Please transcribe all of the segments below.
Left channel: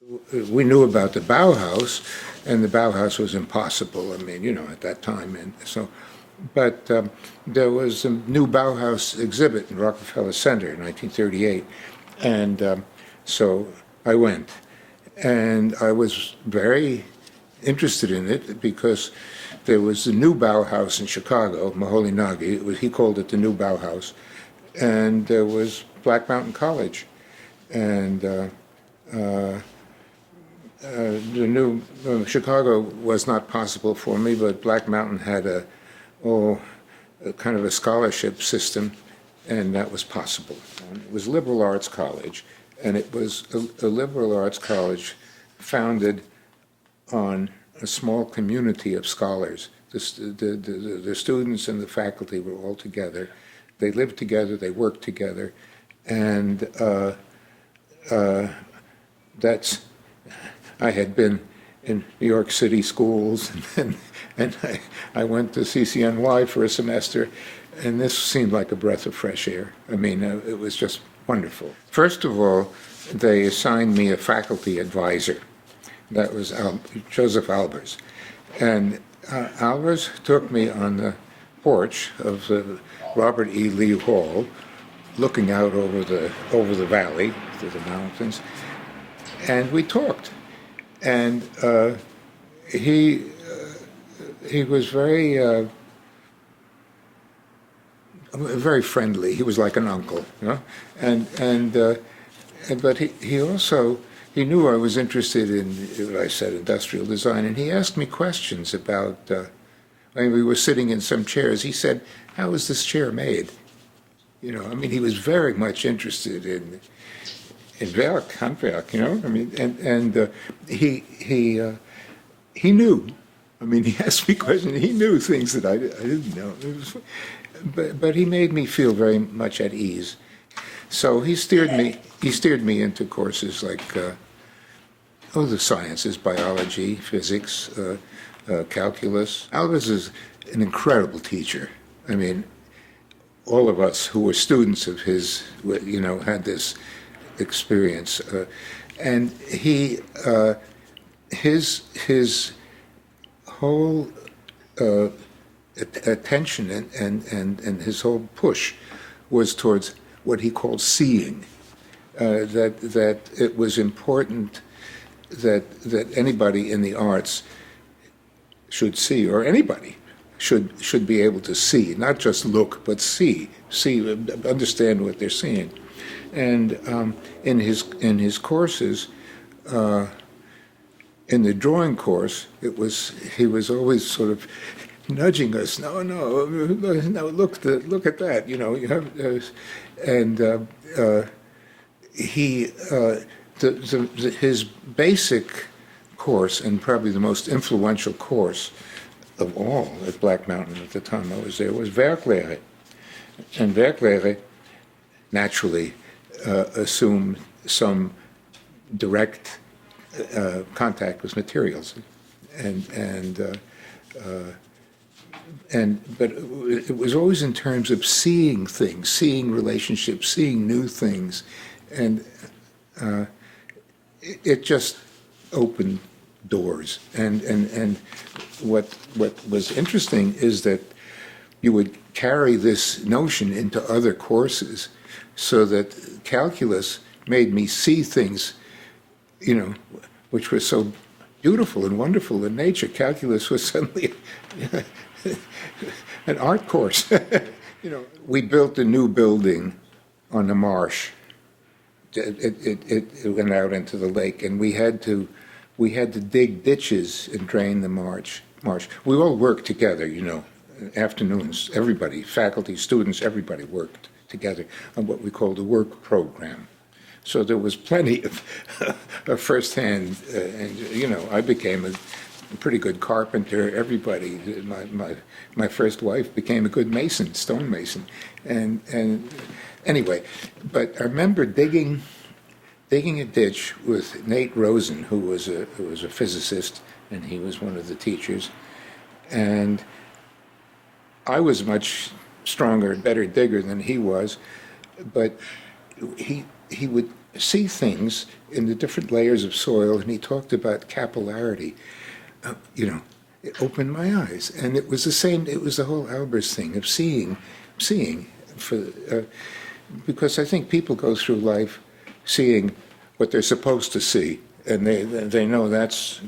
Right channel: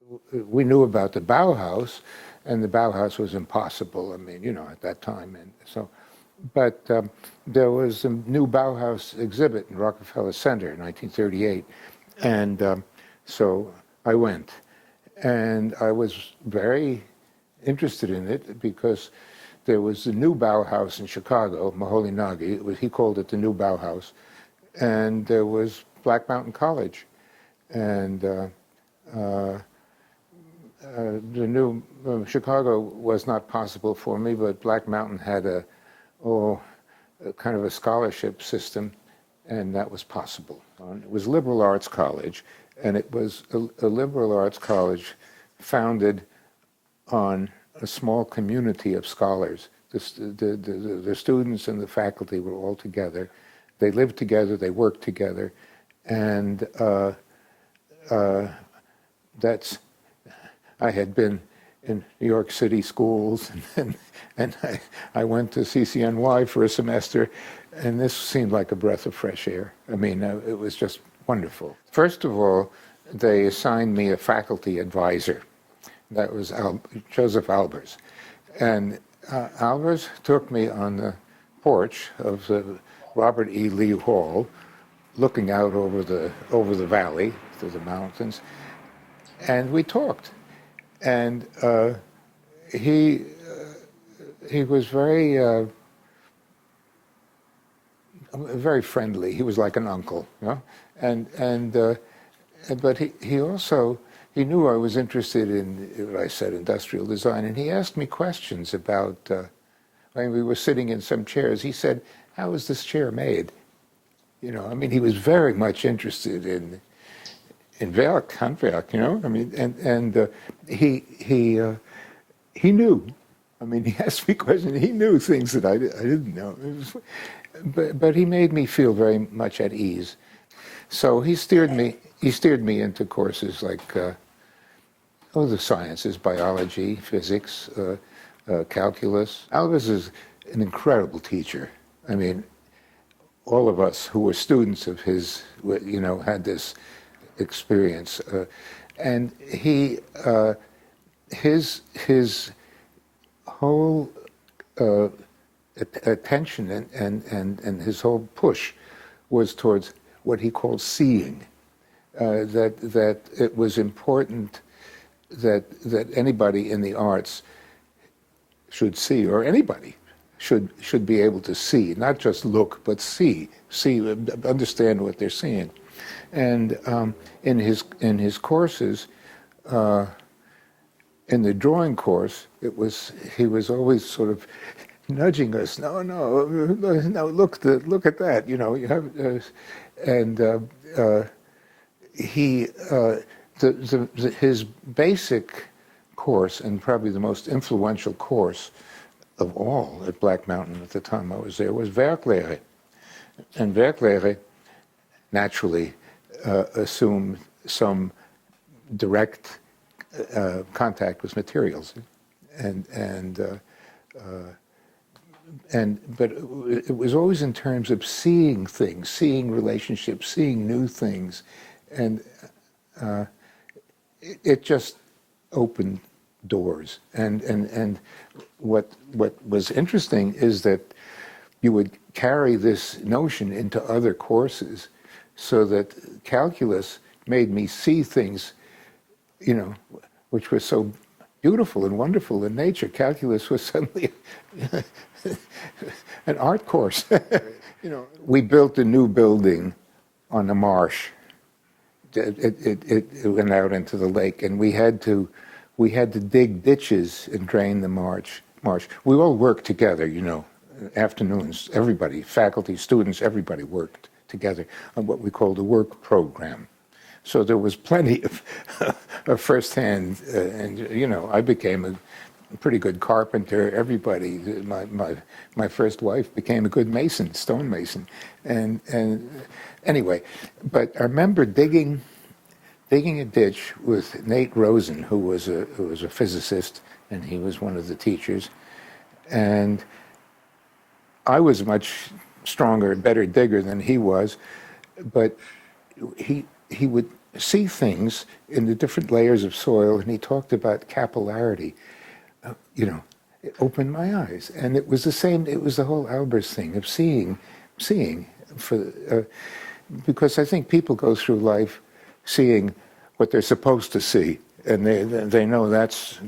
We knew about the Bauhaus, and the Bauhaus was impossible. I mean, at that time, and so. But there was a new Bauhaus exhibit in Rockefeller Center in 1938, and so I went, and I was very interested in it because there was the new Bauhaus in Chicago, Maholy Nagy. He called it the new Bauhaus, and there was Black Mountain College, and the new Chicago was not possible for me, but Black Mountain had a kind of a scholarship system, and that was possible. It was liberal arts college, and it was a liberal arts college founded on a small community of scholars. The students and the faculty were all together. They lived together, they worked together, and I had been in New York City schools, and I went to CCNY for a semester, and this seemed like a breath of fresh air. I mean, it was just wonderful. First of all, they assigned me a faculty advisor. That was Joseph Albers. And Albers took me on the porch of the Robert E. Lee Hall, looking out over the valley, to the mountains, and we talked. And he was very friendly. He was like an uncle, but he also knew I was interested in what I said, industrial design, and he asked me questions about. When we were sitting in some chairs, he said, "How is this chair made?" I mean, he was very much interested in Werk, Handwerk, I mean, and he knew. I mean, he asked me questions. He knew things that I didn't know. But he made me feel very much at ease. So he steered me into courses like the sciences, biology, physics, calculus. Albers is an incredible teacher. I mean, all of us who were students of his, had this experience, and his whole attention and his whole push was towards what he called seeing. That it was important that anybody in the arts should see, or anybody should be able to see, not just look, but see, understand what they're seeing. And in his courses, in the drawing course, he was always sort of nudging us. No, look at that. You have, and his basic course, and probably the most influential course of all at Black Mountain at the time I was there, was Werklehre. And Werklehre naturally assumed some direct contact with materials, but it was always in terms of seeing things, seeing relationships, seeing new things, and it just opened doors. And what was interesting is that you would carry this notion into other courses, so that calculus made me see things, which were so beautiful and wonderful in nature. Calculus was suddenly an art course. We built a new building on the marsh. It went out into the lake, and we had to dig ditches and drain the marsh. We all worked together, afternoons. Everybody, faculty, students, everybody worked together on what we called a work program. So there was plenty of firsthand, and I became a pretty good carpenter. Everybody, my first wife became a good mason, stonemason, and anyway. But I remember digging a ditch with Nate Rosen, who was a physicist, and he was one of the teachers, and I was much stronger and better digger than he was, but he would see things in the different layers of soil, and he talked about capillarity. You know, it opened my eyes, and it was the same. It was the whole Albers thing of seeing for because I think people go through life seeing what they're supposed to see, and they know that's,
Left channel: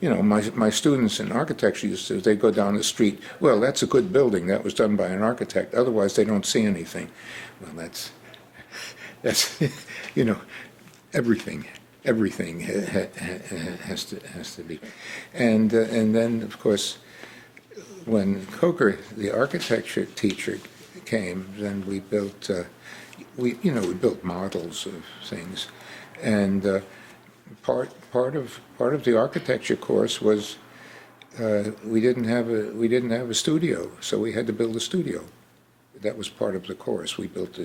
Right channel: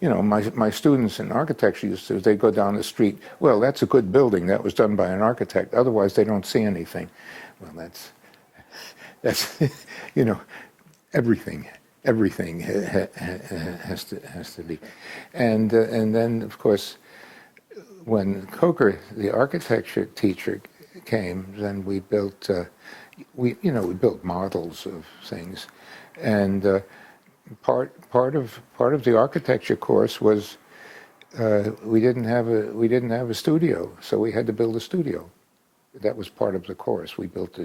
you know, my students in architecture used to, they go down the street, well, that's a good building, that was done by an architect, otherwise they don't see anything. Well, that's you know, everything has to be, and then of course when Coker, the architecture teacher, came, then we built we built models of things, and part of the architecture course was we didn't have a studio, so we had to build a studio. That was part of the course. We built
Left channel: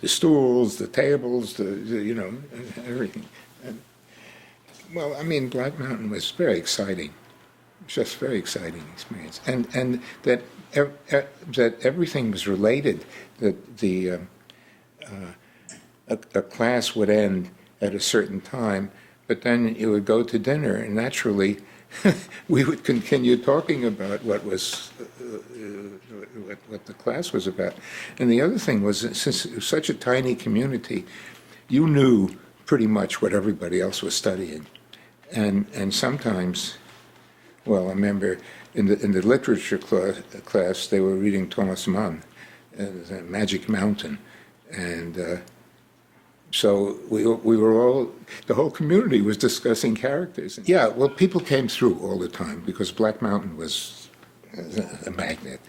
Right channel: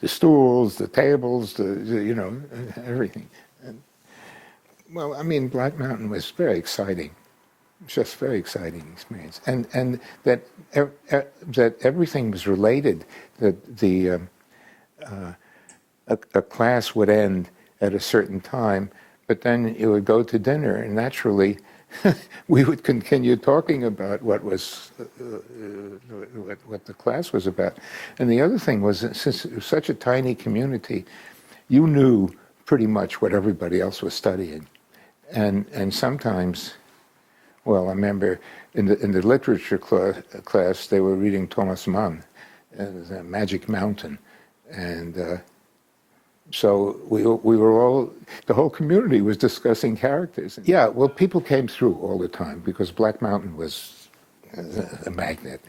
the stools, the tables, you know, everything. And, well, I mean, Black Mountain was very exciting, just very exciting experience, and that everything was related. That a class would end at a certain time, but then it would go to dinner, and naturally we would continue talking about what the class was about. And the other thing was, since it was such a tiny community, you knew pretty much what everybody else was studying, and sometimes, well, I remember in the literature class they were reading Thomas Mann, Magic Mountain, and so we were all, the whole community was discussing characters. Yeah, well, people came through all the time because Black Mountain was a magnet.